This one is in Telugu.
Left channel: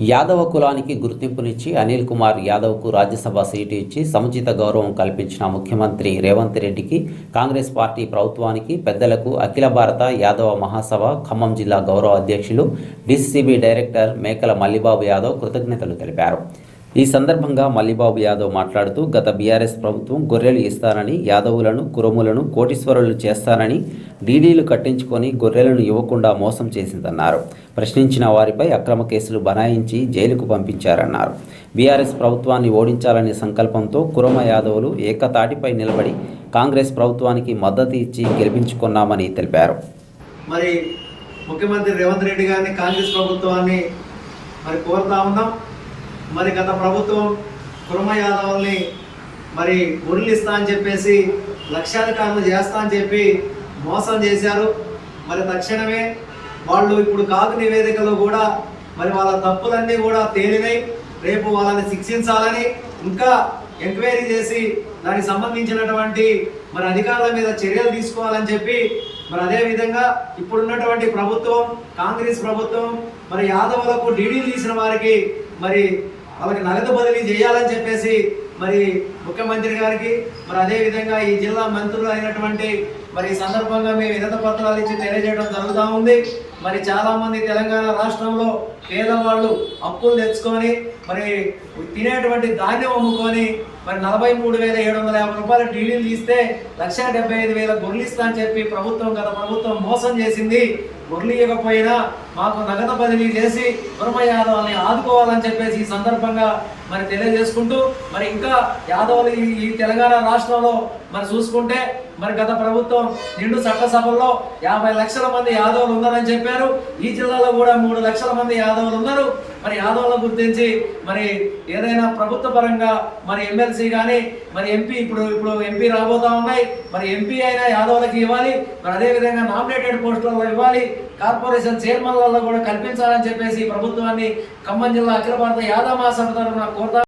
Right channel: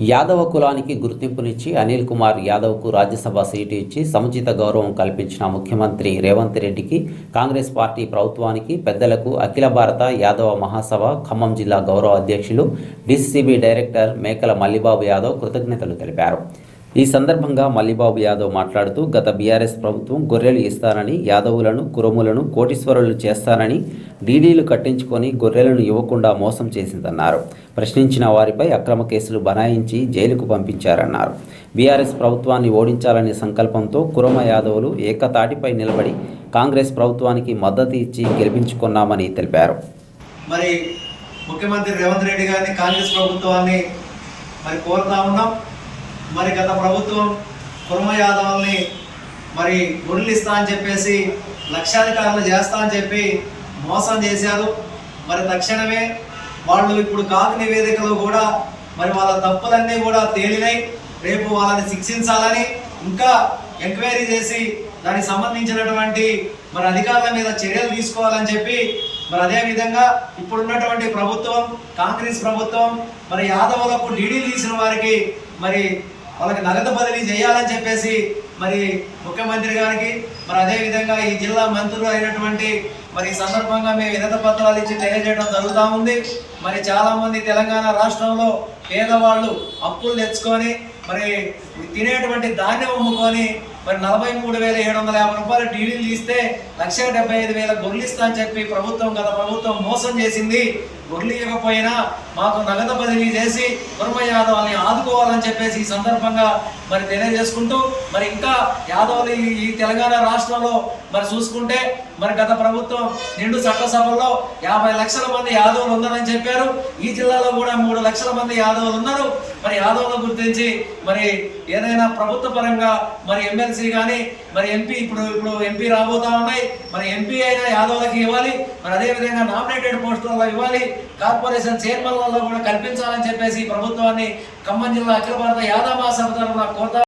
యాదవ కులానికి గుర్తింపునిచ్చి అనిల్ కుమార్ యాదవ్కు రాజ్యసభ సీటు ఇచ్చి సముచిత గౌరవం కల్పించిన ముఖ్యమంత్రి రేవంత్ రెడ్డికి కాంగ్రెస్ పార్టీ ప్రభుత్వానికి పెద్దలకు అఖిల భారత యాదవ మహాసభ ఖమ్మం జిల్లా గౌరవ అధ్యక్షులు డిసిసిబి డైరెక్టర్ మేకల మల్లిబాబు యాదవ్ కృతజ్ఞతలు తెలిపారు. ఈ సందర్భంగా మల్లిబాబు యాదవ్ మాట్లాడుతూ గత బీఆర్ఎస్ ప్రభుత్వం గొర్రెలు ఇస్తానని యాదవులను కురములను కోటీశ్వరులు చేస్తానని డీడీలు కట్టించుకొని గొర్రెలను ఇవ్వకుండా మోసం చేసిందన్నారు. ప్రశ్నించిన వారిపై అక్రమ కేసులు బనాయించి జైలుకు పంపించారన్నారు. బీఆర్ఎస్ ప్రభుత్వాన్ని ఓడించాలనే సంకల్పంతో కురమ యాదవులు ఏకతాటిపై నిలబడి కాంగ్రెస్ ప్రభుత్వానికి మద్దతు ఇచ్చి గెలిపించుకున్నామని తెలిపారు. మరి ముఖ్యమంత్రి రేవంత్ రెడ్డి గారిని కాంగ్రెస్ ప్రభుత్వాన్ని మరి కోరుతా ఉన్నాం. మరి గత ప్రభుత్వం కుర్మ యాదవుల్ని మరి గుడులు ఇస్తా అని చెప్పేసి లక్షాధికారులు చేస్తా అని చెప్పి మోసం చేశారు. మరి తక్షణమే వాళ్ళు ఇప్పుడు కాకు నివేదికలో కూడా మరి వాళ్ళ తప్పులన్నీ కూడా తేలినాయి రేపు వాళ్ళని శిక్షించాలని ఇంకా ఎంక్వైరీ చేసి దానికి సంబంధించినటువంటి మరి అధికారుల మీద చర్యలు తీసుకోవాలని చెప్పి మరి అదే విధంగా ఇప్పుడున్నటువంటి ప్రభుత్వం కాంగ్రెస్ ప్రభుత్వం మరి యాదవులకు డీడీలు తీసిన వారికి మరి వాళ్ళకి నగదు బదిలీ చేయాలని చెప్పేసి మరి ముఖ్యమంత్రి గారికి మరి అదేవిధంగా ఈ జిల్లా మంత్రులు అయినటువంటి మరి ఈ సందర్భంగా మేము వినత పత్రాలు ఇచ్చి తెలియజేయడం జరుగుతూ ఉంది. మరి చాలామంది తెలంగాణ రాష్ట్రంలో పేదవాళ్ళు అప్పులు తెచ్చుకొని మరి తినేటువంటి ధాన్యం అమ్ముకొని మరి నలభై మూడు వేల ఏడు వందల యాభై రూపాయల డీడీలు తీస్తే లక్ష డెబ్బై ఐదు వేల గొర్రెలు ఇస్తా అని చెప్పి ప్రభుత్వం గత ప్రభుత్వం మోసం చేసింది. గొర్రెలు ఇవ్వకపోయినా మాకు నగదు బదిలీ చేసి కుర్మ యాదవ్ని ఆదుకోవాలని చెప్పేసి ఈ సందర్భంగా మరి తెలియజేసుకుంటూ మరి ఇంకా యాదవులు ఈ- ఈ తెలంగాణ రాష్ట్రంలో మరి చూసుకుంటే మరి గత ప్రభుత్వం నిండు చట్టసభల్లో యాభై లక్షల మంది యాదవులు ఉన్నారని చెప్పారు. ఈ జిల్లాలో కూడా మూడు లక్షల మంది యాదవులు ఉన్నారు. మరి యాదవ్ల గుర్తించి మరి ఏదైనా ప్రభుత్వ పరంగా మరి ఎమ్మెల్సీ కానీ మరి ఎంపీ ఇప్పుడు ఇప్పుడు ఎంపీ రాబోతా ఉన్నాయి. మరి ఎంపీ అయినా యాదవ్లకి ఇవ్వాలి. మరి అదే విధంగా నామినేటెడ్ పోస్టులలో ఇవ్వాలి. కార్పొరేషన్ చైర్మన్లలో కూడా కల్పించాలని చెప్పేసి ప్రభుత్వాన్ని ఖమ్మం జిల్లా అఖిల భారత యాదవ మహాసభ తరఫున కోరుతా